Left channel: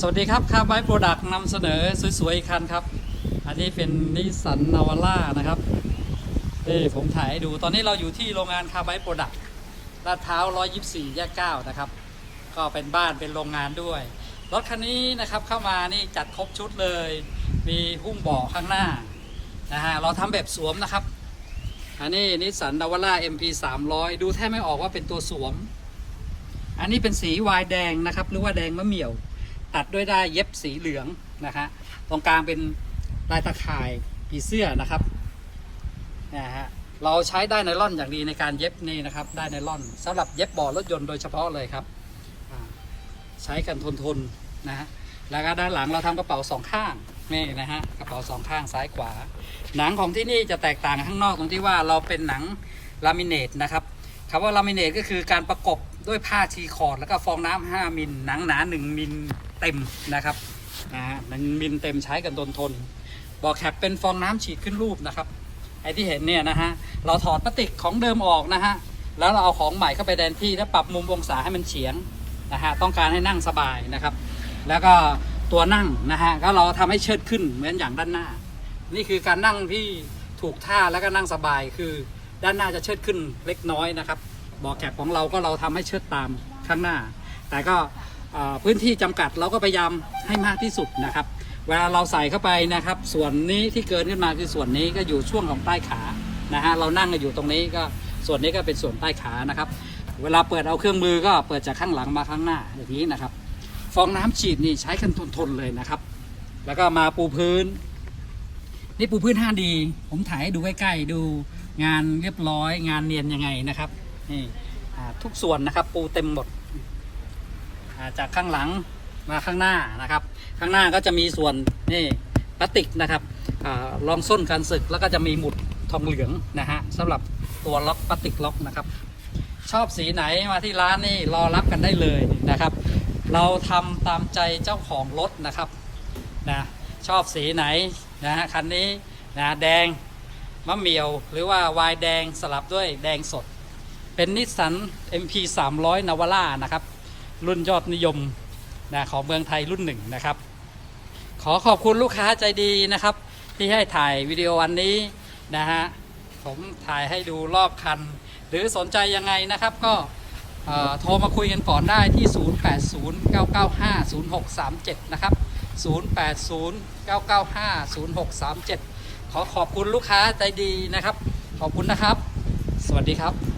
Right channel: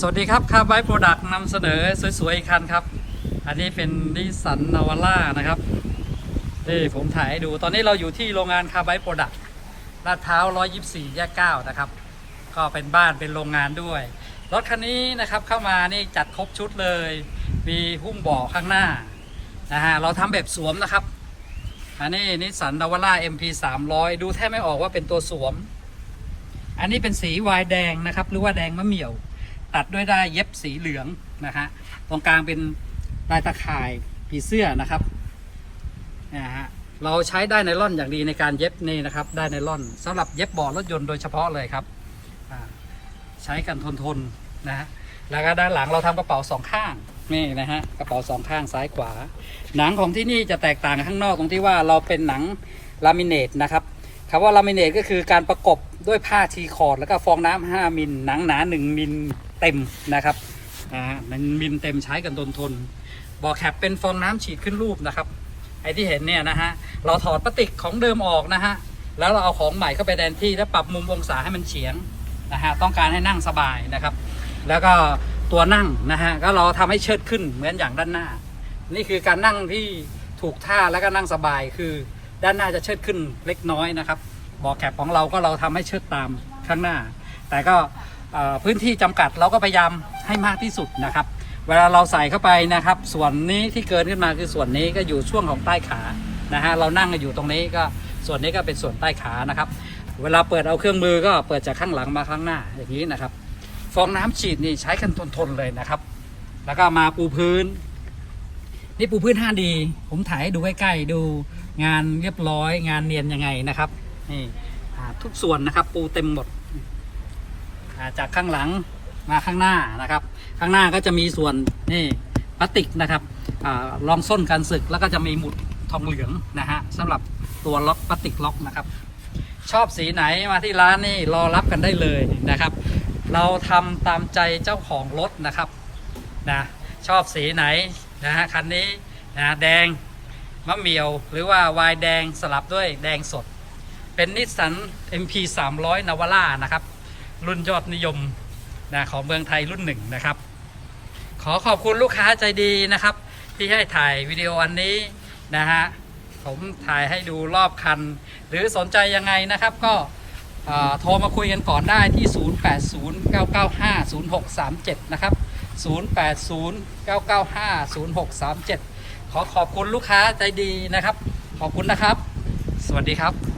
สวัสดีครับคาร์ไบโปรดักต์นำเสนอสวยๆอีกคันครับ อันนี้เป็นนิสสันนาวาร่านะครับนี่ผมถ่ายให้ดู ตอนนี้เราอยู่ที่โรงงานคาร์ไบโปรดักต์ลาดพร้าว124 แยก 9 นะครับ ก็เป็นบ้านเป็นโรงงานด้วย รถคันนี้นะครับเข้ามานี่จัดครบชุดเลย มีหุ้มเบาะข้างหน้านะฮะเราทำแบบสวมนะครับ อันนี้นิสสันนาวาร่า MP 300 ดูแทบไม่ออกว่าเป็นตัวสวม อันนี้เป็นสีวายแดงนะครับ หรือว่าแดงมะเหมี่ยว ตัดด้วยได้ายเย็บสีเหลืองนะฮะตรงกลางเป็นลายตะข่ายผีเสื้อนะครับนะฮะเราใช้ได้ไนล่อนอย่างดีในการเย็บนี่นะครับได้ไนล่อนสำหรับเย็บบาะรถยนต์โดยเฉพาะเลยครับใช้กันทนทนนะฮะแล้วก็ด้านหลังเราทำกระเป๋าสองข้างนี่นะฮะกระเป๋าสองข้างซ้ายขวา หนังของที่นี่จะแตกต่างข้างนอกตรงที่ว่าเราเป็นหนังลามิเนตนะครับคำว่าลามิเนตก็คือการประกบด้วยผ้าทีคอร์ดแล้วก็ฟองน้ำ5มิลหนังหนา 1มิล เต็มนะครับนะฮะหนึ่งมิลเต็มใช้กันทนทนบอกแคปเป็นฟองน้ำฉีดขึ้นรูปนะครับไอที่เห็นเนี่ยนะฮะเราถอดพลาสติกของเดิมออกนะฮะแล้วเราเอาของใหม่เข้าไปแทนที่แล้วปรับมุมองศาให้มันเฉียงนะฮะต้องการให้นั่งสบายนะครับ แล้วก็ตัวนั่งนะฮะก็เราทำให้เชิดขึ้นเหมือนอย่างด้านหน้า นี่คือการนั่งที่ถูกท่าแล้วก็นั่งสบายคือด้านหน้าจะเชิดขึ้นเล็กน้อยนะครับเบอกแคปของเราก็เราทำให้เชิดตามข้างหน้า แต่ก็ พื้นที่จำกัดเราก็พยายามให้มากที่สุดนะครับ เวลาเราใส่เข้าไปนะครับ ส่วนนี้ที่เกินขึ้นมาคือส่วนนี้ก็อยู่ช่วงของใต้ขานะฮะเรานั่งอยู่ตรงนี้ก็ส่วนนี้ก็เป็นส่วนใต้ขานะครับ เวลาเปิดเอาเครื่องมือก็เปิดจากข้างหลังมาข้างหน้าอย่างนี้นะครับ ฟองน้ำฉีดนี่ใช้กันทนๆเลยนะครับ แล้วก็มาปูพื้น นี่ปูพื้น 5D ผมถ่ายให้ดูใกล้ๆดูงานเรียบร้อย งานเนียนยังไงนะครับนี่ทุกส่วนนะครับปูเต็มหมด จากข้างหลังมาข้างหน้านะครับ ข้างหน้าก็จะมีส่วนนี่พลาสติกนะครับอรองส้นการศึกแล้วก็จะมีหมุดทองเหลืองนะฮะสำหรับตัวล็อกพลาสติกล็อกนะครับ ชอบสีไหนมาที่ร้านนี่รอรับกันได้เลยนะครับ เราทำตามใจเจ้าของรถนะครับนะชอบสีไหนนะฮะคันนี้นะแดงมะเหมียว หรือว่าวายแดงสลับด้วยแดงสด เป็นนิสสัน MP 300 นาวาร่านะครับ รุ่นยอดนิยมนะของเมืองไทยรุ่นหนึ่งนะครับ ขอขอบคุณลูกค้าใจดีนะครับ ที่ให้ถ่ายวิดีโอวันนี้นะฮะผมถ่ายให้ดูรอบคัน หรือสนใจยังไงนะครับก็โทรมาคุยกันก่อนได้ที่ 0809950637 นะครับ 0809950637 ขอขอบคุณลูกค้าใจดีนะครับ ขอบคุณนะครับ สวัสดีครับ